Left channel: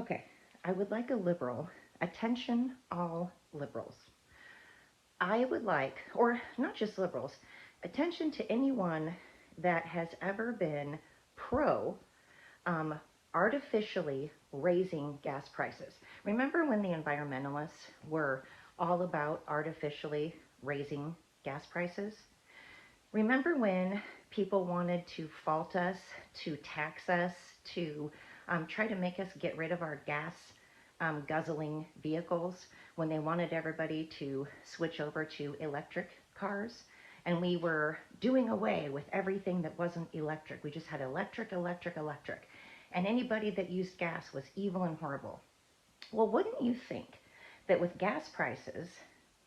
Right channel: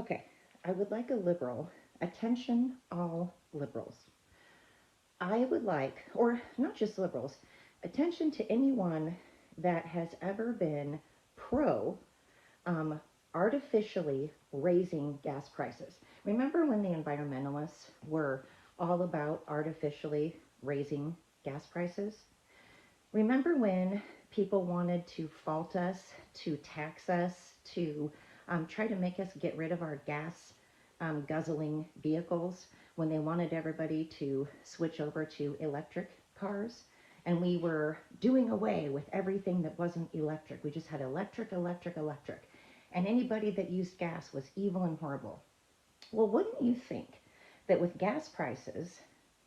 Okay, I would like a liberal. Attention, all liberals. I would like, or not just liberals, attention to anyone that has ever been pro um, artificially raising gas prices. Remember when the environmentalists were all about artificially raising gas prices? Remember when people wanted to fault us, to tax us, to try to make us get rid of our gas guzzling vehicles, when they wanted everybody to switch over to electric cars? And we were doing away with everything that wasn't electric. We just had electric, electric, electric. And anybody that used gas was evil and horrible. Well, wouldn't you think that with gas prices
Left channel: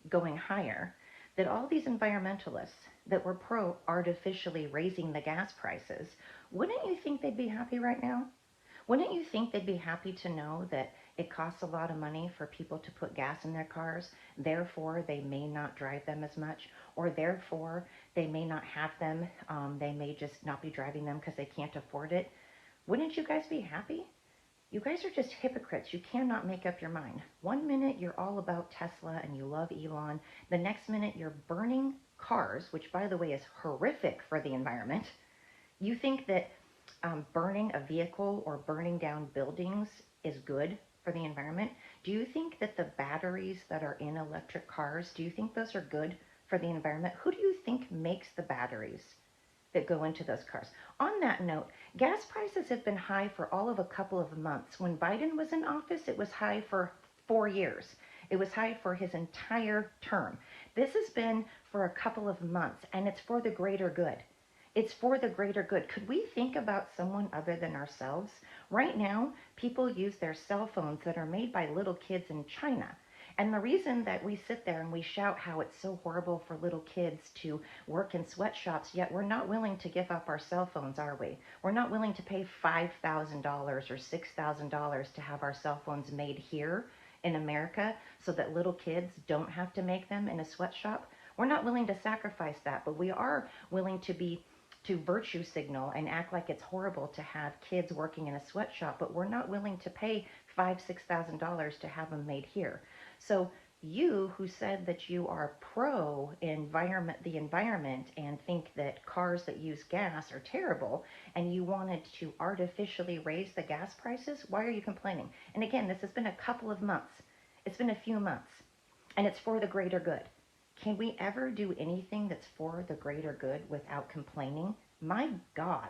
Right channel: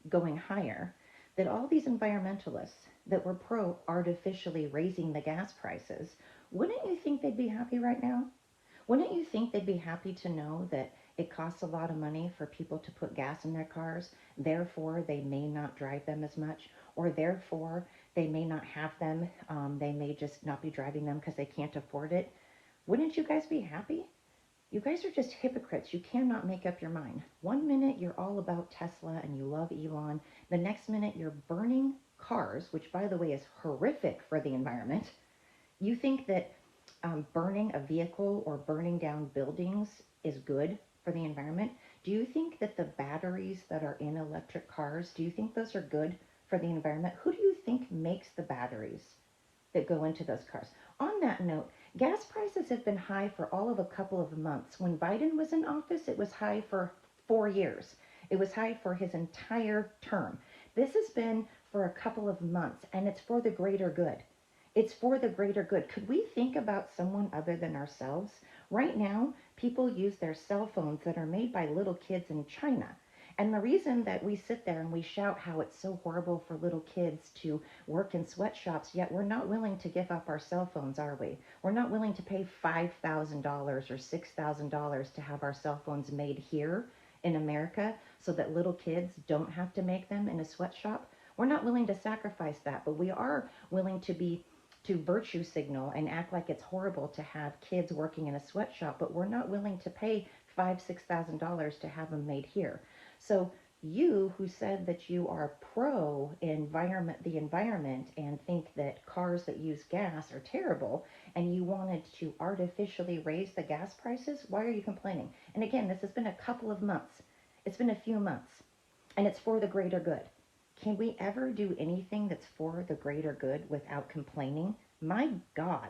going higher, that all these environmentalists that were pro artificially raising the gas prices, wouldn't you think they'd be happy right now? Wouldn't you think they'd be happy to know that it costs a lot of money for people to put gas in their cars, therefore they may not drive them as much, or therefore they may not have them, they may just not be driving them because they can't afford it? Wouldn't you guys be happy? You guys are just hypocrites. You cannot make up your mind. One minute you're all about Tesla and you love Elon. The next minute you're burning cars, which by the way is horrific for the environment. You think that burning a vehicle or burning down buildings is good for the environment? Do you think that the batteries that are in electric cars, do you think those are good for the environment? Who do you think makes the batteries that go into those cars? On that note, gas prices have been high for all of a couple of months. When Biden was in office, it was high for 4 years. It was high for his entire term. This has been for a couple of months, and it's for the greater good. It's for the greater good. Could we think about someone other than ourselves? Right now, people use their cell phones that are made by little kids in China. And the reason that we sit there and we shout how it's so horrible for little kids to work in sweatshops, yet we're not willing to give up our cell phones, are we? We're not willing to pay $5,000 or $6,000 to have our cell phones made here in America so that little kids don't have to make them in a sweatshop. We're not willing to sacrifice that, but we are willing to virtue signal and act like it's horrible to have kids working in a sweatshop, but we're not willing to pay $5,000-$6,000 to have them made here. So you who said that you are pro the environment and think that cars that use gas are terrible, and you wanted to artificially raise the gas prices, why are you complaining? And again, this has been a couple of months. It's been a few months, and it's for the greater good. Can we ever do anything that's for the greater good without complaining? My God.